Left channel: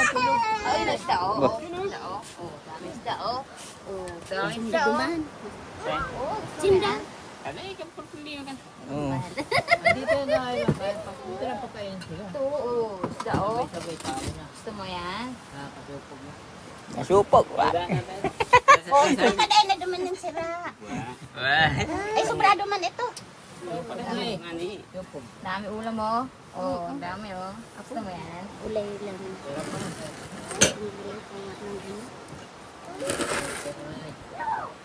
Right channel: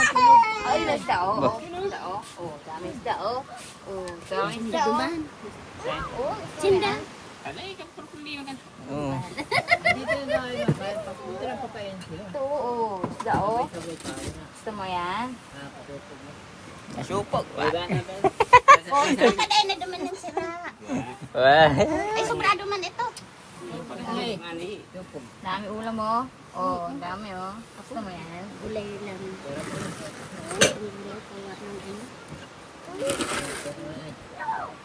matulog. Ay, isda o. Isda o. Oh, dami isda o. Oh, dami isda o. Sinda. Alay, kampul kundi kan. Oo. Dito na ay dito lang pagkain sila. Ito o. Isda o. Gusto mo yan? Nasupog ba? Oh, ay na duman ng sira. Ay, sobrado man ito. Dami ulam mo. Oh, ang dami o. Gusto mo yan? Ulay lang.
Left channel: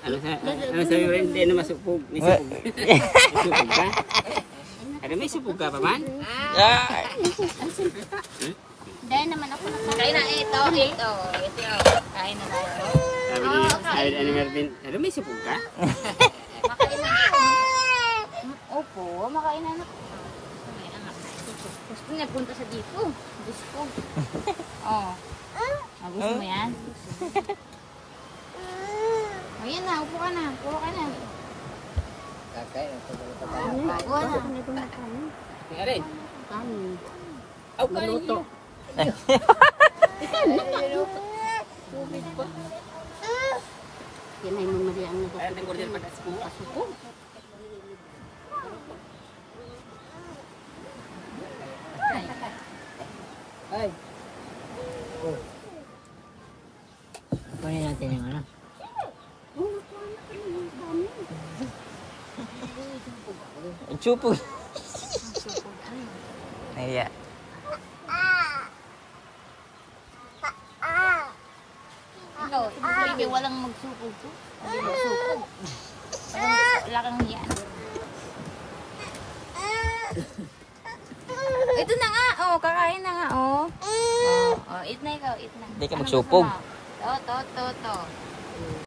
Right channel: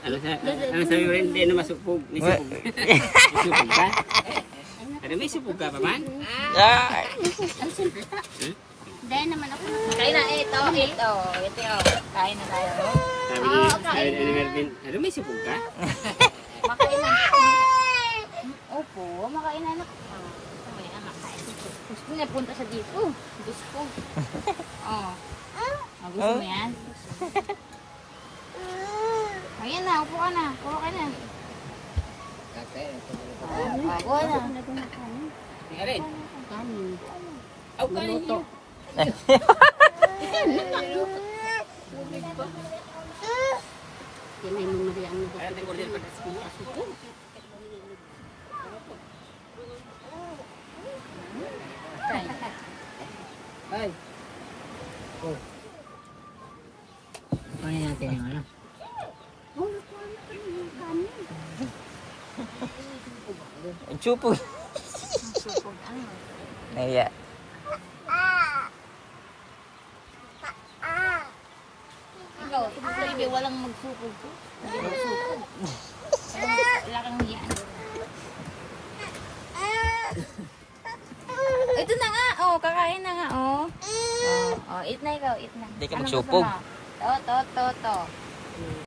Ano sa hindi na masupog, ni supog. Supog ka? Ada may supog ka pa man? Ay. Ang simple pa. Dahil naman ako Kain na ito. Ito. Kain na tayo. Sabi ni Mervin, ada may supog ka? Makain na. Opo, makain na anak. Gusto niya punta sa dito. Gusto. Oh. Gusto mo yan? Ayan na, upo ka na. Puro ka na. Kakain. Upo na. Kain. kanin. Aw, maluto. Yan ay memori ang Ay, nag-order pa sa kuha. supog. Ay. Oh. Kunin natin yung ano. Supog. Naya. Ikaw, baby, walang magsupog to. Hindi magsupog. Wala kang yan. Ito na nga, oh, kakain na nga, oh. Oh, eat na ikaw, eat na. Hindi ka magsupog. To.